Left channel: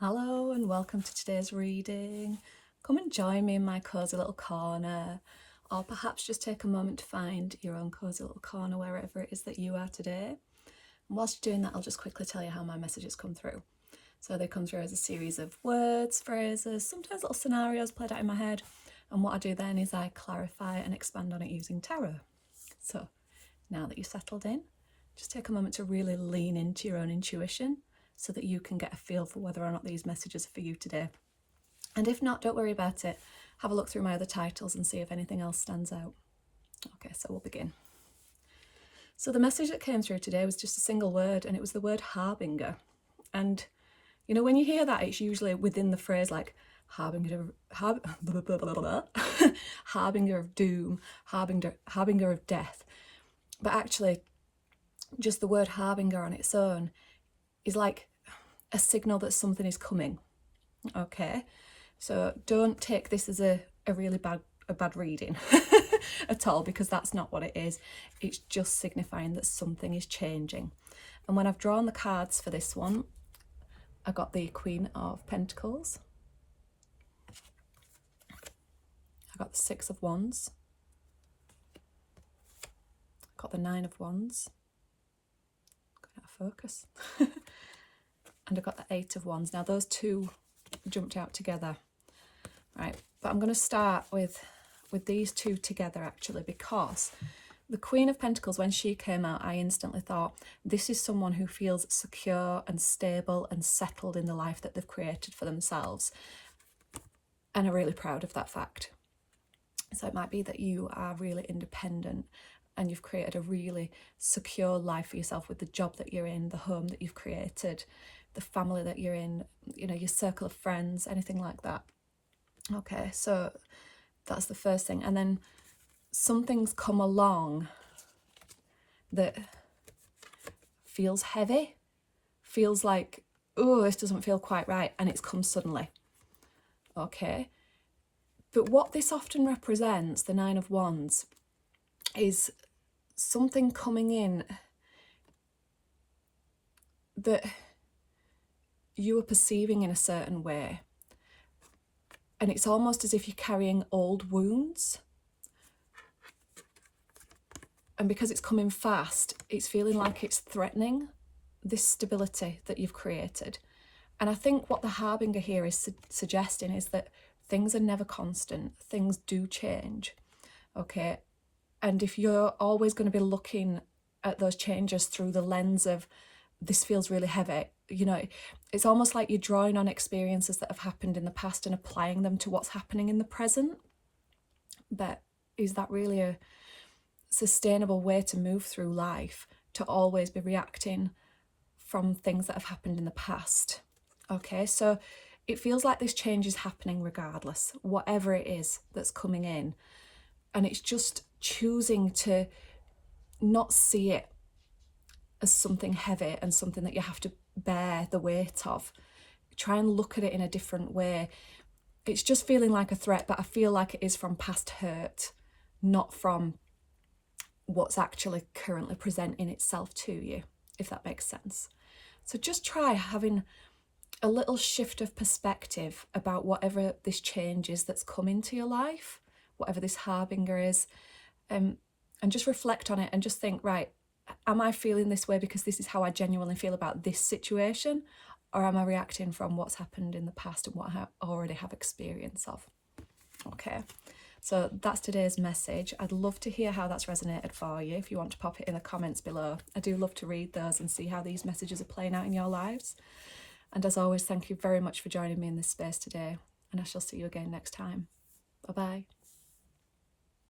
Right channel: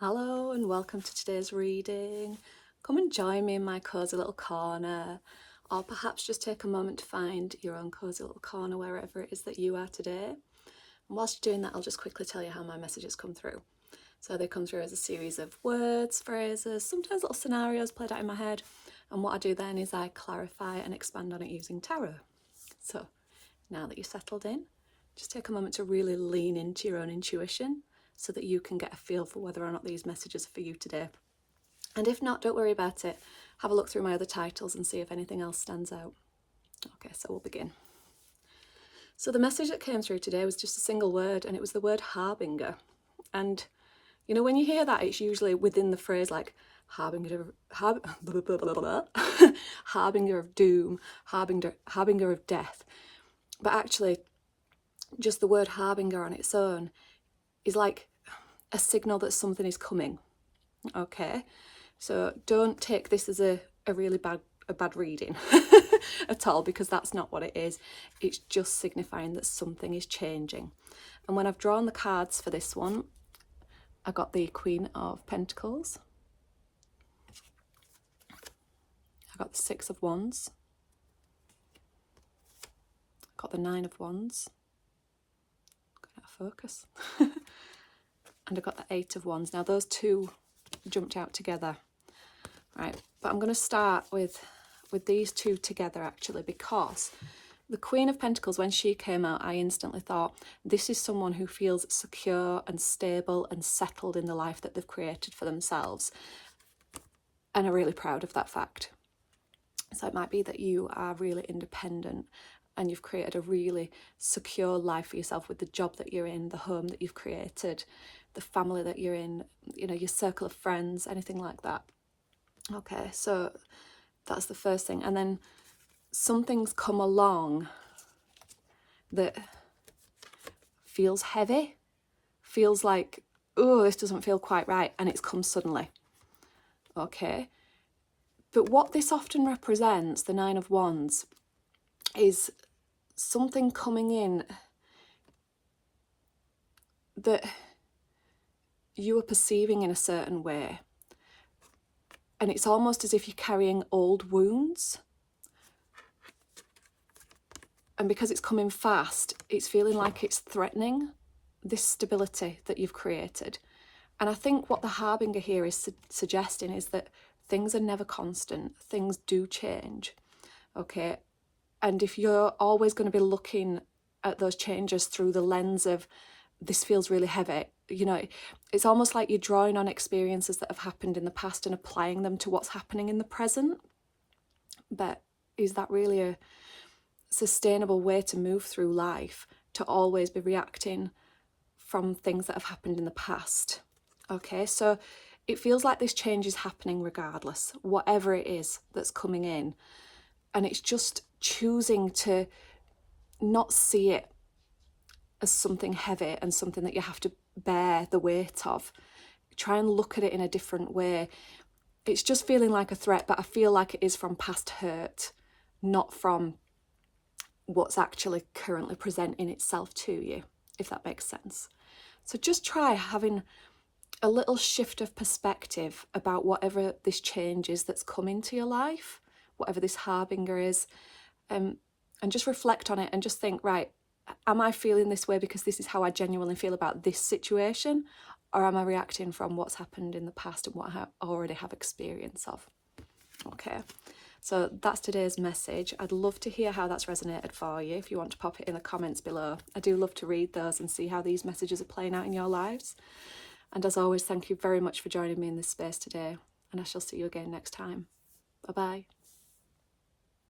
Hello and welcome to today's reading. Come and join me in my cosy little corner, or perhaps just take a moment to find your own cosy little corner wherever it is that you are today. And whilst you're doing that, I'll just quickly tell you how my messages come through. So they come through as a series of words, phrases, sometimes little scenarios played out in my head. And what I do then is I clarify and expand on it using tarot. So now that you're settled in, just take a moment to really lean into your own intuition so that you can get a feel for whether or not these messages are for you today. And if not, don't worry about it. Have a look through my other titles and see if anything else stands out. Okay, so we'll begin. So the message that came through today was just a single word, and it was the word harbinger. And you know, when you hear that, it's usually within the phrase like harbinger of doom, harbinger of death. But actually, just the word harbinger on its own is like a signal that something is coming. Okay, so don't take this as a really bad reading at all, because that's not what it is. It's just signifying that something is changing. And when I've drawn the cards for this one, I got the Queen of Pentacles, I got the Six of Wands, I got the Nine of Wands, got out of focus, and I got the Eight of Wands. Now those two jumped out together, right? But I'm going to start with these two together actually, because the Queen of Pentacles, when she came out, I instantly thought this is someone who feels secure and stable and settled in the life that they've created for themselves, and are really proud of that fact. So it might be that you are really independent and you've created a really secure life for yourself with the job that you're in, the home that you've created, the family that you're in, you know, your circle of friends, anything like that. Okay, so that's the first thing. And then something's come along that feels heavy, feels like, oh, this doesn't feel quite right, and it's come suddenly. Okay, but what this often represents, the Nine of Wands, is something coming in that you are perceiving in a certain way, and it's almost as if you're carrying old wounds, and because it's coming fast, it's feeling like it's threatening this stability that you've created. And I think what the harbinger here is suggesting is that things are never constant, things do change, okay? And if you're always going to be looking at those changes through the lens of this feels really heavy, you know, it's almost like you're drawing on experiences that have happened in the past and applying them to what's happening in the present. But is that really a sustainable way to move through life, to always be reacting from things that have happened in the past? Okay, so it feels like this change is happening regardless, whatever it is that's coming in. And it's just choosing to not see it as something heavy and something that you have to bear the weight of. Try and look at it in a different way. It's just feeling like a threat, but I feel like it is from past hurt, not from what's actually currently presenting itself to you, if that makes sense. So just try having a little shift of perspective about whatever this change is that's come into your life, whatever this harbinger is, and just reflect on it and just think, right, am I feeling this way because this is how I genuinely feel about this situation, or am I reacting from what's happened in the past and what I already have experience of? Okay, so that's today's message. I'd love to hear how that's resonated for you. If you want to pop it in the comments below, I do love to read those and see how these messages are playing out in your lives. And as always, thank you very much for joining me in this space today, and I shall see you again next time. Bye-bye.